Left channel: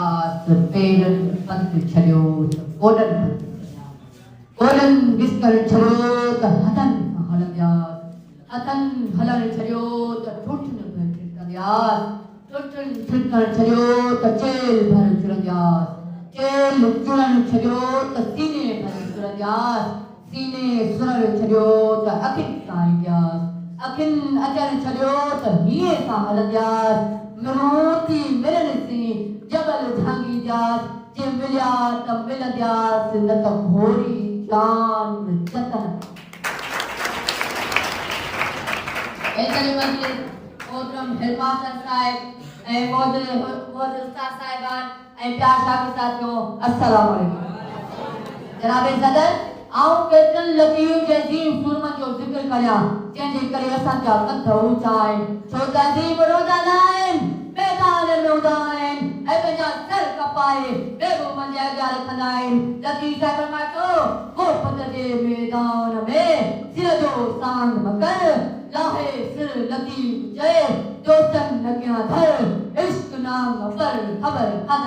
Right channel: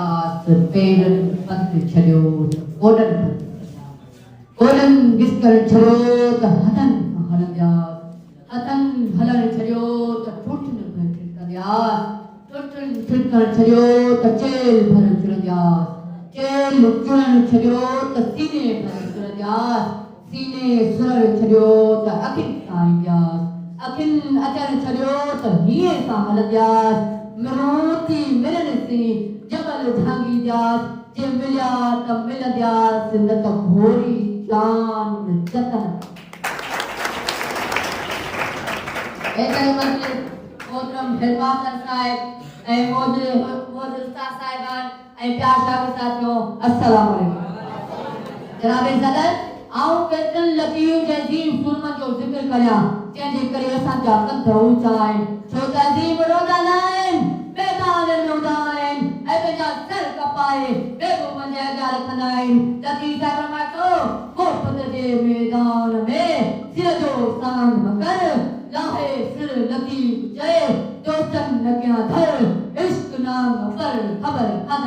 यास पेरन पंथ छड़ियो ओडन ओडन विस्कर छड़ियो त हतन हलन यास हतन हलन छड़ियो त टूटन भर यास टूटन टूटन छड़ियो त चेल भर चुरन यास चेल चुरन छड़ियो त सीने भर चुरन यास सीने सुर छड़ियो त अखिन साईं यास अखिन अचर छड़ियो त हीए सा हलन यास मरोती मिलन सी जबल भांगी जास जे मिलिया त मिलंदियास न त भोरी जान जतन ऐसे मस्जिद मोहतरम हेडमास्टर साहब ऐं मोद उस्ताद साहिबान ऐं प्यार साहब साथियो अस्सलाम वालेकुम जनाब सदर आऊं केतिरनि लतीफ़ जे अज़ीम सूरमनि जो ज़िक्र कयां जंहिंजे करे असांजा कंध ऊचा आहिनि छो त अज़ीम रोदा न आहिनि मैदान में उदा आहिनि ऐं पंहिंजा सर कपाए बेगुमनि जे अॻियां रखंदा आहिनि लतीफ़ साहिब फरमायो मोहबत जे मैदान में सिर जो साण मकर लाहे सिर लतीफ़ चए दोस्तनि लॻियां धर इश्क नाम पर ख़बर कान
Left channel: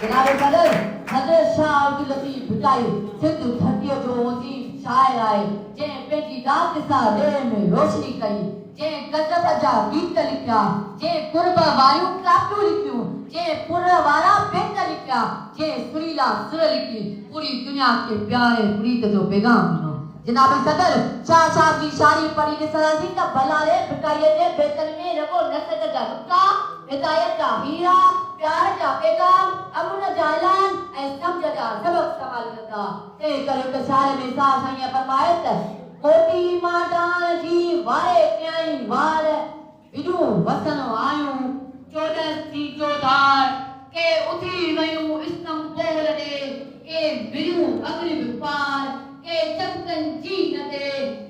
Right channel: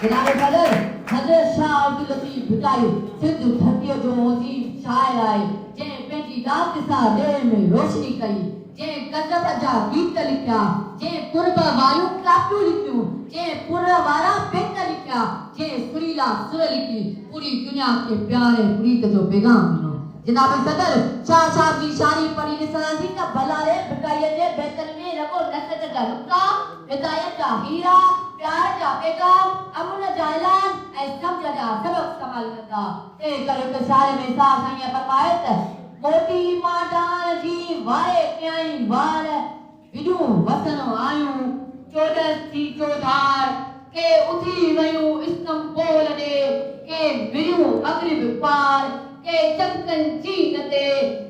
जनाब सदर हज़रत शाह अब्दुल लतीफ़ भुटाई सिंध धरतीअ जो अज़ीम शाइर आहे जंहिं पंहिंजी रात सां ॾिणे में रोशनी कई जंहिं गज़ब जा गीत लिखिया जंहिं कुर्ब वारियूं कापियूं लिखियूं जंहिं पुर वारा बेत लिखिया जंहिं सुरीला सुर लिखी पूरी दुनिया खे प्यारे प्रीत जो पैगाम ॾिनो जनाब सदर शाह साहब जी शायरी पढ़ी ॾिसंदासीं त भला रे भिटाईअ जे बेतनि में रगो नसत जा नुक्ता हिदायत जा हीरा प्यार जा पैगाम अमन जा ऐलान ऐं सम्झ जा सबक इस्तेमाल कंदा तंहिं करे हिकु शायर में साह साईं फरमाए त मोती मां डाल जी वारे कयाई वार विॾूं वसन आयूं चोॾस थी चोधार के उथी वयूं इस्तंबोल ॾे के विड़ियूं अगरिब पार के चमकन चीन ते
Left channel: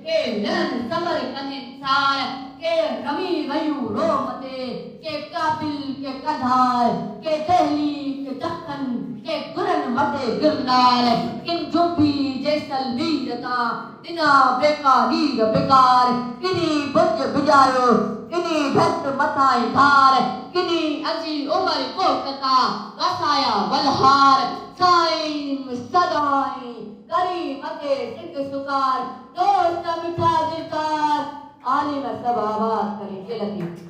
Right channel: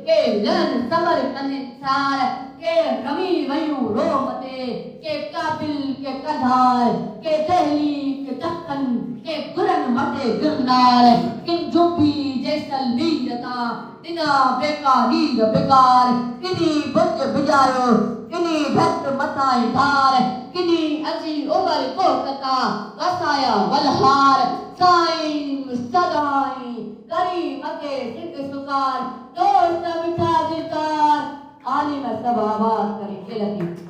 के लहन सबर कने सार के रमी वयूं रोम ते के काबिल के कधार के दहली के दक्कन के गुरन मटे गिरनार किन जोबी जैसलमेर ता दिना बेकारीर बेकार किनी बुज बुझायो किनी भट मथाए धार किनी अजी उमर कोटता वसाया वलहार साईं सदाई करी मते सिक सुकार दोस्त मिठा दिलदार आलिम सबाबात करी दिलती